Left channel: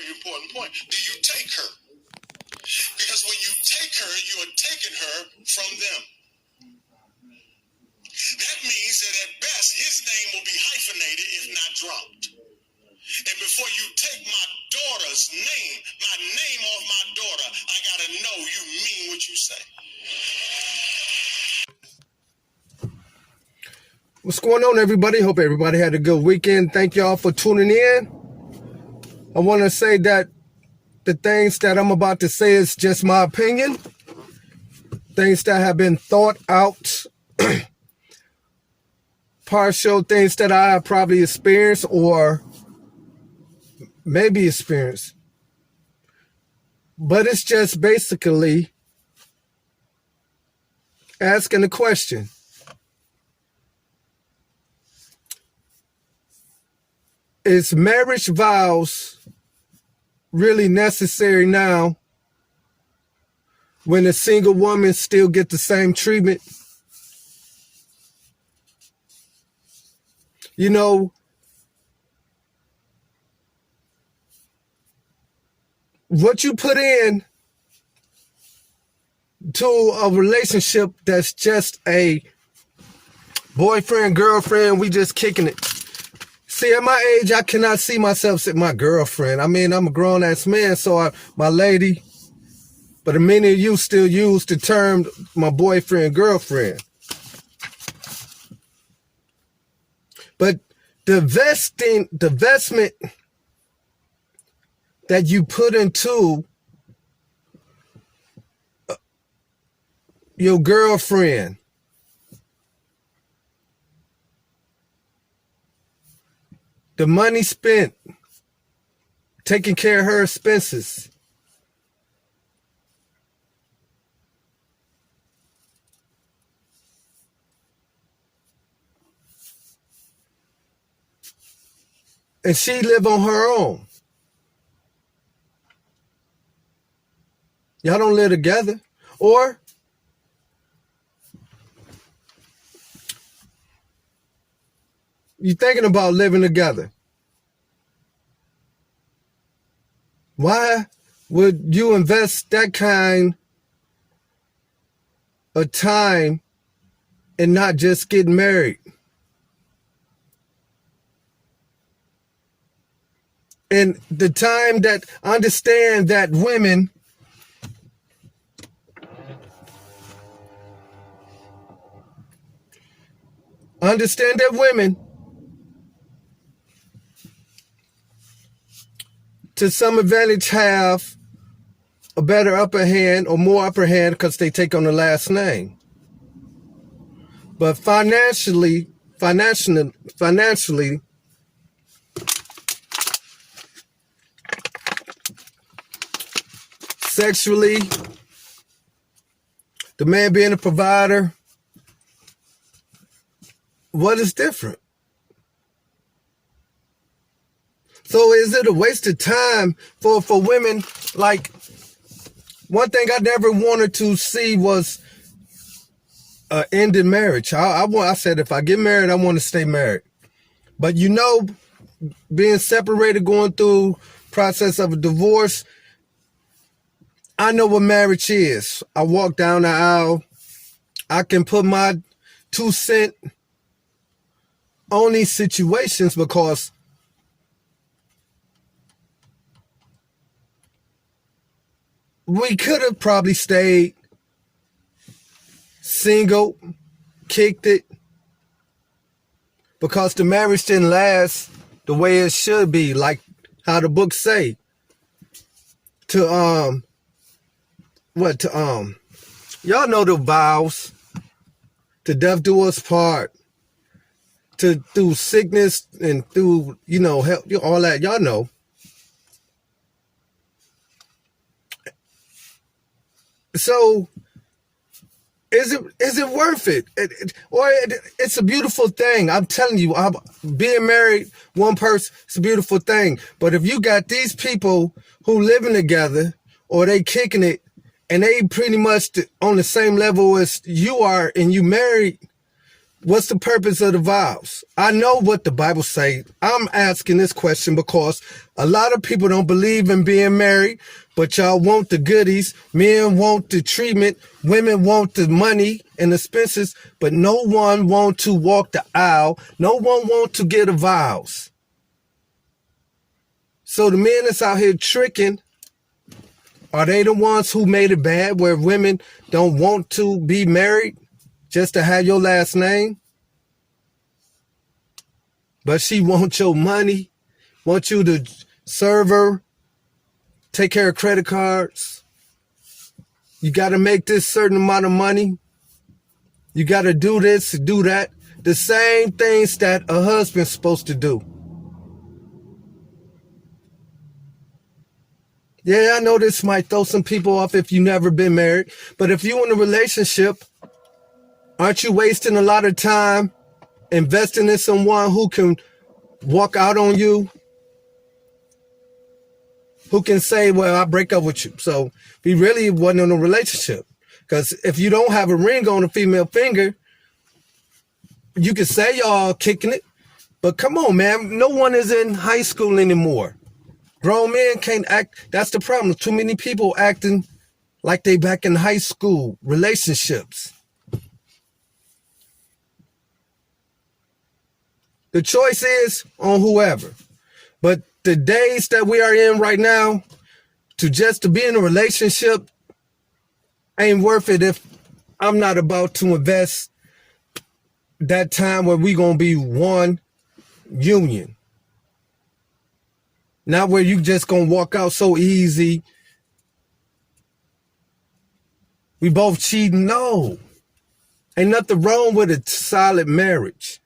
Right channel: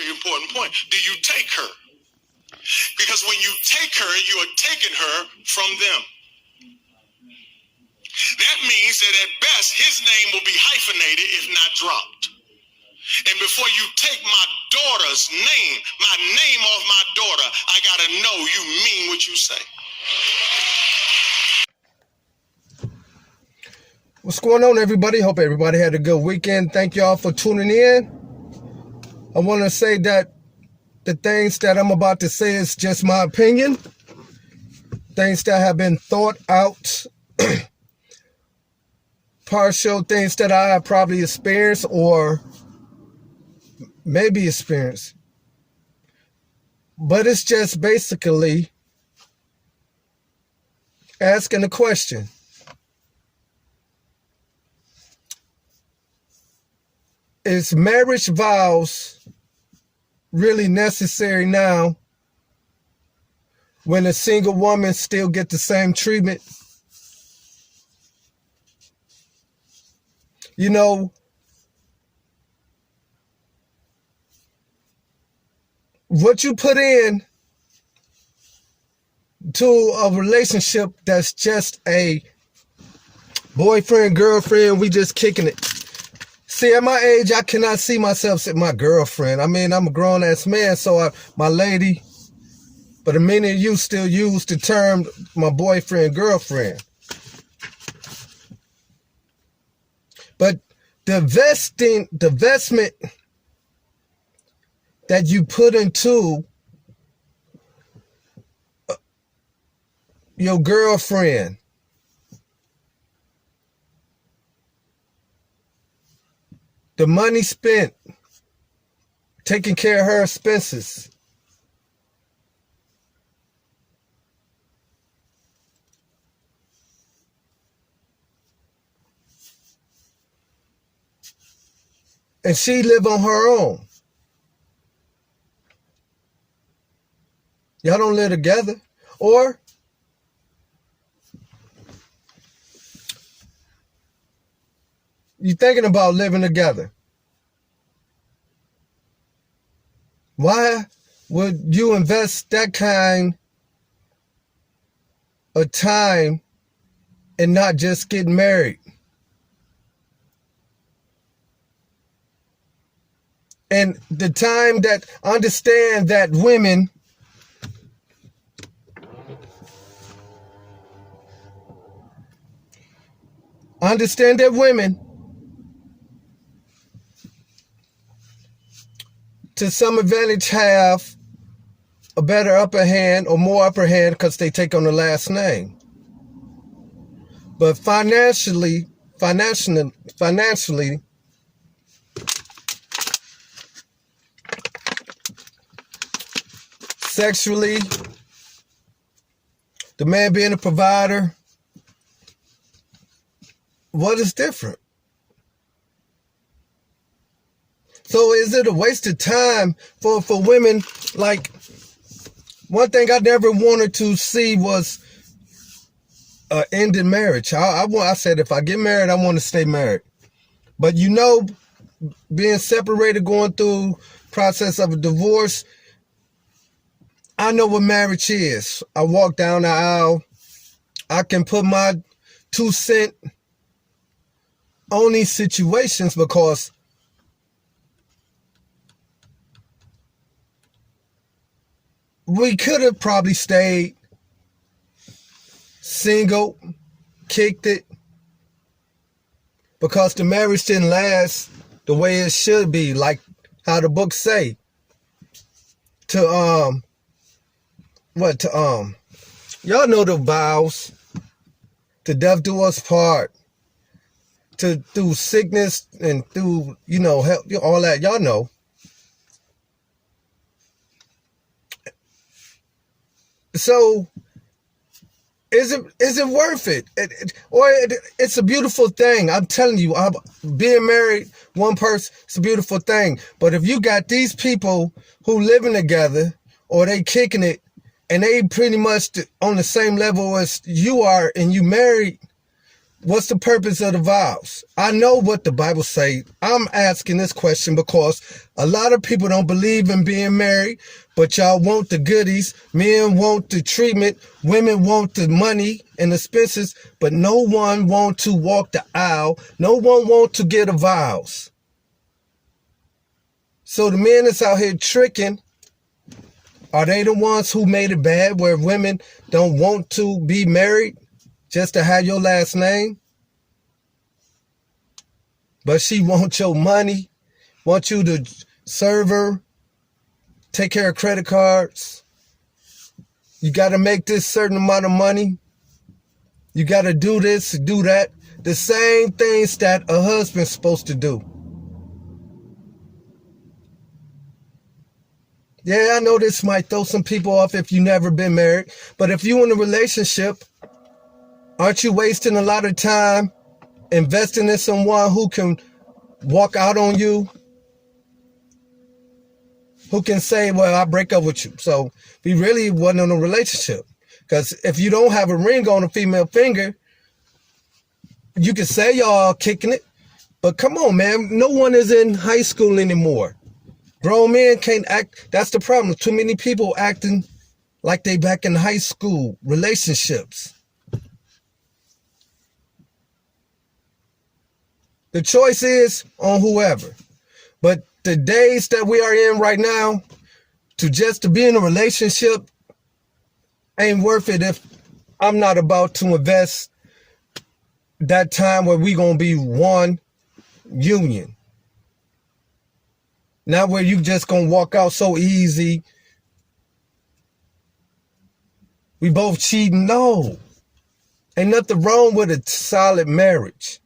very important point. Do you take her? Because when you take her, you are taking her from them. That means that at best, his name will be hyphenated, if not dropped. And before you take my daughter's name, my name off my daughter, I got to know you mean what you say. What's going on, everybody? Hope everybody had a good weekend. Thank y'all for tuning in. I want to say that the things that I'm about to say is just my opinion. Things that have been thought out. Partial things that I have probably experienced or maybe experienced. But it's just basically asking a question. Is marriage vows really necessary now when a single woman still get the same treatment? You know, what you put in to a relationship that's just a boyfriend, girlfriend, we just kicking it. See, at my age, I cannot see myself as my girlfriend. I mean, I'm a grown-ass man, so my lady. But many of you still use the term my boyfriend, girlfriend. But the investment that you put into your girlfriend, the money spent taking care of her expenses, and she live on her own. Y'all don't live together. Or you thinking about living together. Why would you invest that kind of time and not just get married? And the time that understand that women to some advantage have a better upper hand or more upper hand because they take on the last name. But financially, sexually, the man being a provider, what is different? So is it a waste of time for women? Like, one thing I never wanted to see was an end in marriage. I said if I get married, I want to stay married. But you know, being separated, going through process of a divorce, I know what marriage is. I walk down the aisle. I can put my 2 cents on these situations because we could have probably stayed single, kicked it, because the marriage didn't last the way it should be, like how the books say. Y'all know the vows, to death do us part, through sickness and through, health, all that, y'all know. So, is it worth it? It's a beautiful thing. I'm telling you, being married, one person, it's a beautiful thing. But if you got these people who living together, or they kicking it, and they pretty much on the same level as you are, and you married, What's the purpose of the vows? I know what the Bible say. I'm asking this question because a lot of people don't believe in being married, but y'all want the goodies. Men want the treatment. Women want the money and expenses, but no one want to walk the aisle. No one want to get a vows. So the men that's out here tricking, are they the ones who made it bad where women don't want to be married just to have your last name? But she wants your money, wants you to serve her, take care of credit cards. You got to make this certain amount of money. You got to do this, do that. The same things that a husband's supposed to do. Yeah, I know this might throw some people off if you've never been married. But if you're in a relationship, aren't you wasting a lot of time investing in someone who can walk out on you, who can say, well, I break up with you? So we really wasn't in a relationship. Because if you don't have a ring on a female finger, you can say y'all kicking it. But come on, man. No one is in high school anymore. Grown men can't act. That's the problem. Too many people acting like they back in high school relationships. The choice is on whoever. But the days that we are in right now, to be in a relationship ain't worth it if I'm not about to invest that time where we gonna be one union. Not where you just gonna walk out so easy. We both cheating. No. Ain't nothing wrong with a solid marriage.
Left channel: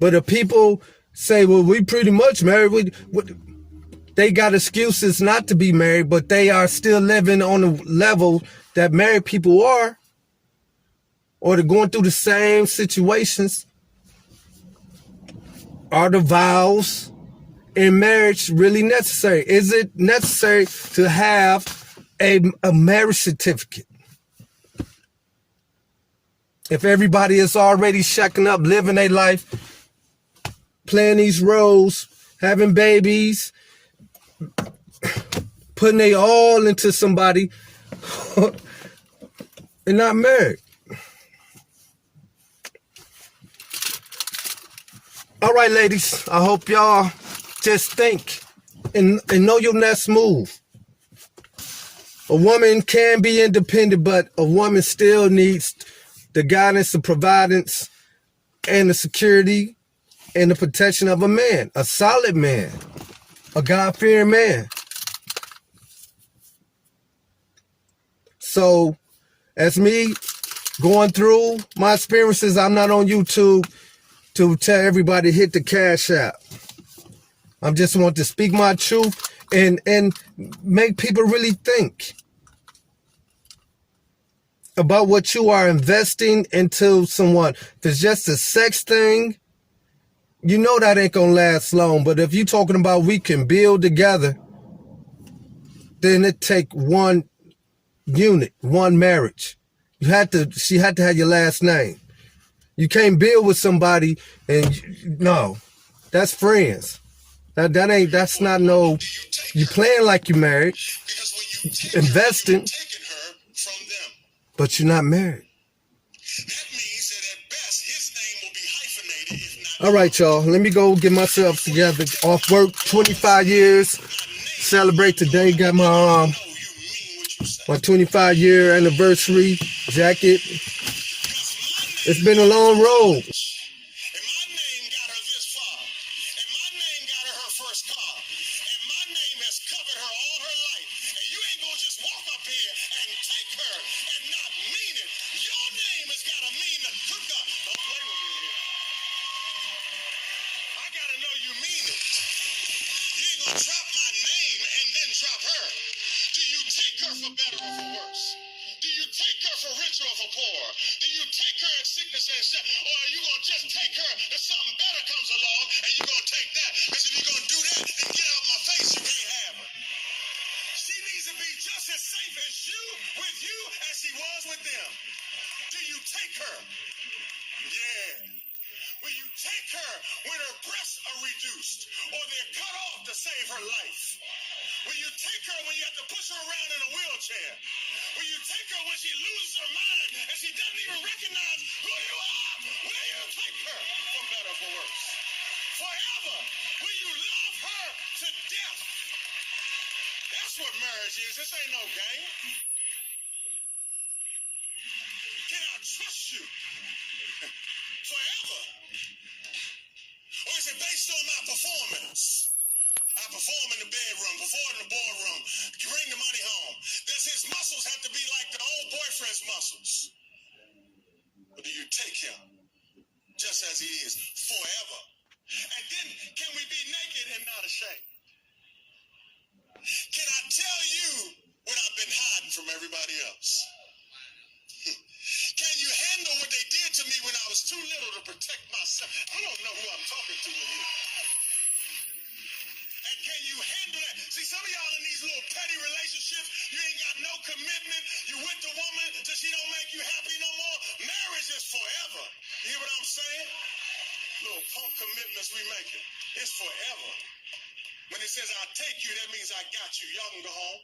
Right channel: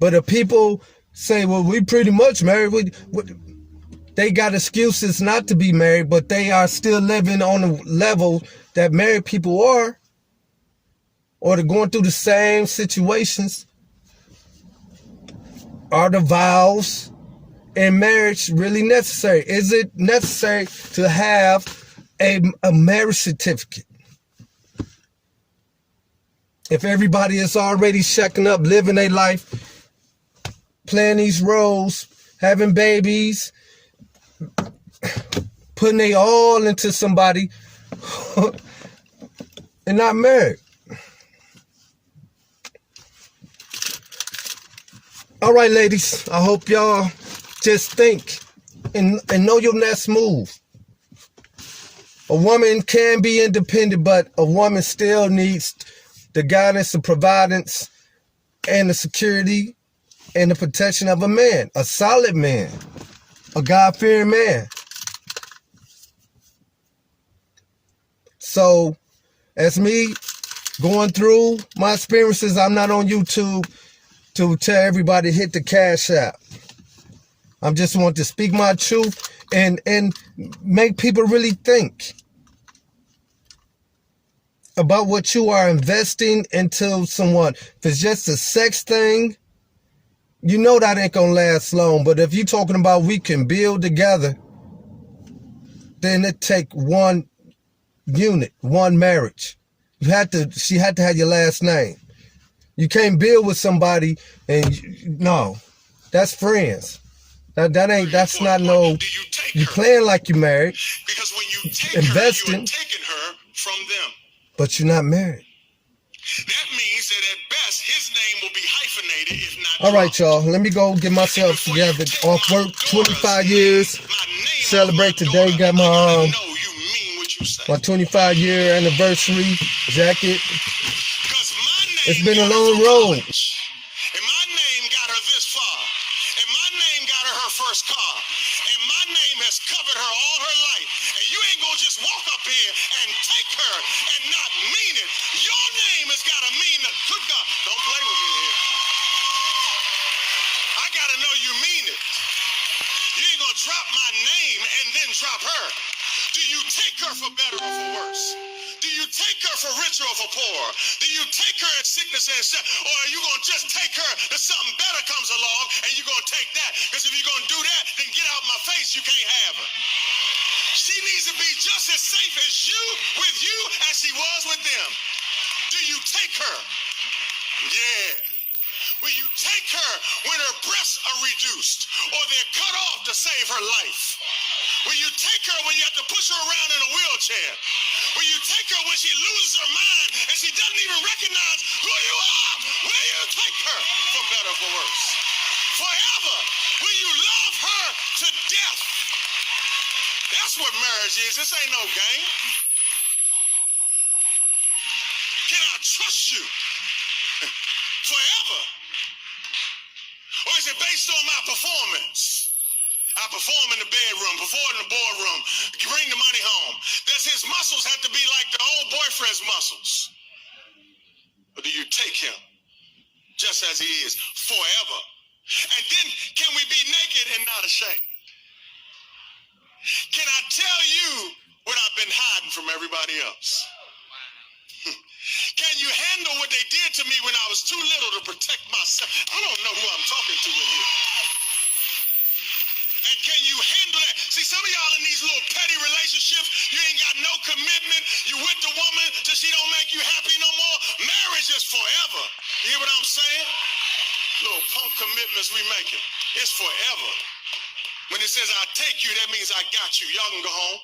But if people say, well, we pretty much married, they got excuses not to be married, but they are still living on the level that married people are, or they're going through the same situations. Are the vows in marriage really necessary? Is it necessary to have a marriage certificate? If everybody is already shacking up, living their life, playing these roles, having babies, putting they all into somebody and not married. All right, ladies, I hope y'all just think and know your next move. A woman can be independent, but a woman still needs the guidance, the providence, and the security and the protection of a man, a solid man, a God-fearing man. So, as me going through my experiences, I'm not on YouTube to tell everybody hit the cash app. I just want to speak my truth and make people really think about what you are investing into someone. If it's just a sex thing, you know that ain't gonna last long. But if you're talking about we can build together, then it take one unit, one marriage. She had to have your last name. You can't build with somebody and no, that's friends. That's not no, you playing like you married, Because when you take investing, her, you're taking her from them. but you're not married. That means that at best, his name will be hyphenated, if not All right, y'all. Let me go get myself together. Off work, 25 years. Celebrate today. Got my 25-year anniversary jacket. It's been a long road. And my name got her this far. And my name got her her first car. And my name has covered her all her life. And you ain't gonna just walk up here and take her and not mean it. Your name has got to mean the good God. Don't play with me here. I gotta know you mean it. You ain't gonna drop my name and then drop her. Do you take her for better or for worse? Do you take her for richer or for poor? Do you take her in sickness and death? Or are you going to just take her till something better comes along and you're going to take that? Because if you're going to do that, then get out my face. You can't have her. She needs to be just as safe as you with you as she was with them. Do you take her? Yeah. Will you take her when her breasts are reduced or they're cut off to save her life? Will you take her when you have to push her around in a wheelchair? Will you take her when she loses her mind and she doesn't even recognize who you are? Will you take her for better or for worse? Forever, will you love her to death? That's what marriage is. This ain't no game. Can I trust you forever? Or is it based on my performance? I perform in the bedroom, perform in the boardroom, bring the money home. Does his muscles have to be like the old boyfriend's muscles? Or do you take him just as he is forever? And then can we be naked and not ashamed? Can I tell you what I've been hiding from everybody else? Can you handle what they did to me when I was too little to protect myself? I don't know who I'm talking to in here. And can you handle that? See, some of y'all in these little petty relationships, you ain't got no commitment. You with the woman till she don't make you happy no more. Marriage is forever. You hear what I'm saying? Little punk commitments we making. It's forever. When it says I take you, that means I got you. Y'all can go home.